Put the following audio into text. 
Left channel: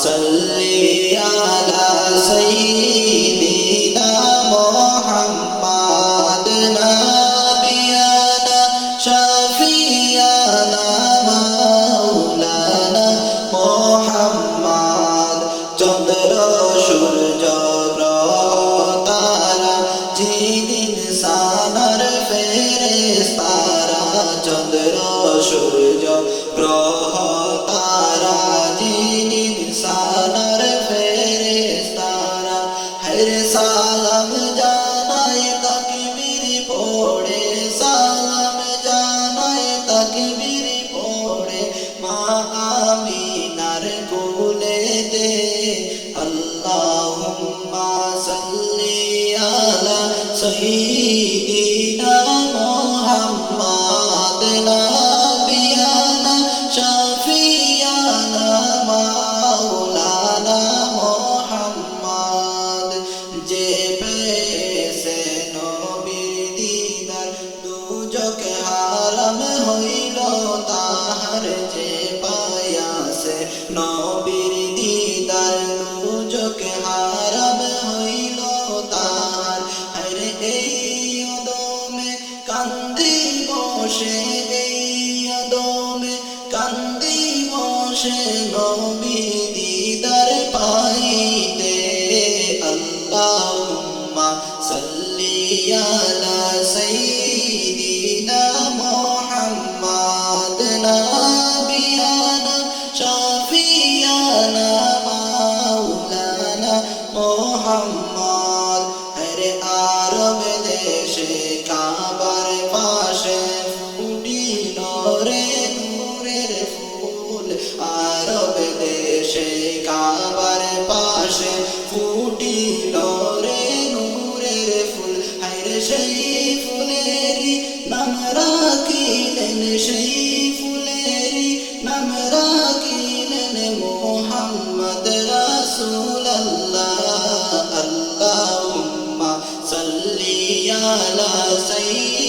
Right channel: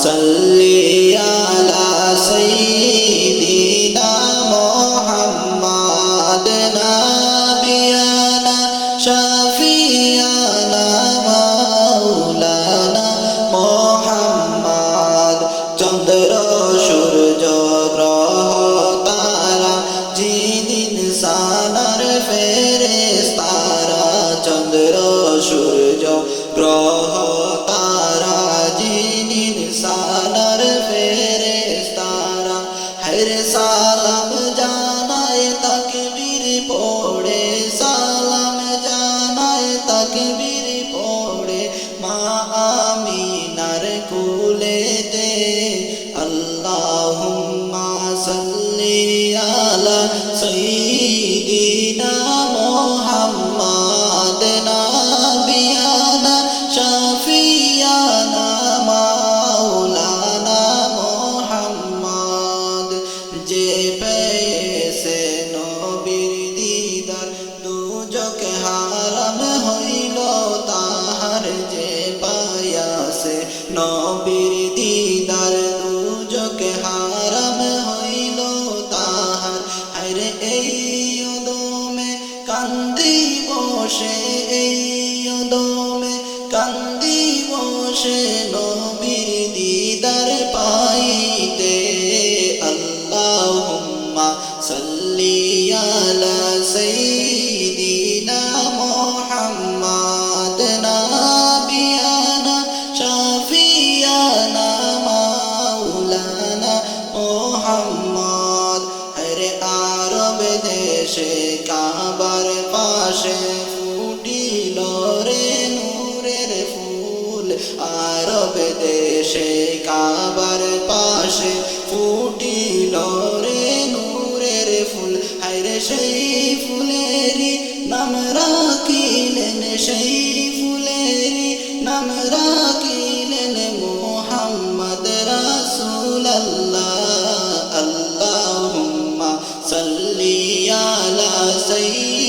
সাল্লি আলা সাইয়্যিদিনা মুহাম্মাদ নাবিয়ানা শাফিয়ানা মাওলানা মুহাম্মাদ চন্দ্র সূর্য গ্রহ তারা জিন ইনসানের ফেরেশতারা চন্দ্র সূর্য গ্রহ তারা জিন ইনসানের ফেরেশতারা হরে সালাম জানায় তাকবীর পড়ে সালাম জানায় তাকবীর পড়ে মা আমিনার কোলেতে আল্লাহুম্মা সাল্লি আলা সাইয়্যিদিনা মুহাম্মাদ নাবিয়ানা শাফিয়ানা মাওলানা মুহাম্মাদ যে পেয়েছে নবীর দিদার দুজক হারাম হইল তাহার যে পায়াছে নবীর দিদার দুজক হারাম হইল তাহার হায়রে এই অদমে কান্দি বসে এই অদমে কান্দি বসে নবীর দিদার পাইতে আল্লাহুম্মা সাল্লি আলা সাইয়্যিদিনা মুহাম্মাদ নাবিয়ানা শাফিয়ানা মাওলানা মুহাম্মাদ হরে আরব দেশে কাবার পাশে ফুটিল রে নূরের ফুল আরব দেশে কাবার পাশে ফুটিল রে নূরের ফুল হায়রে সেই ফুলেরি নাম রাখিলেন সেই ফুলেরি নাম রাখিলেন মুহাম্মদ রাসূলুল্লাহ আল্লাহুম্মা সাল্লি আলা সাইয়্যিদিনা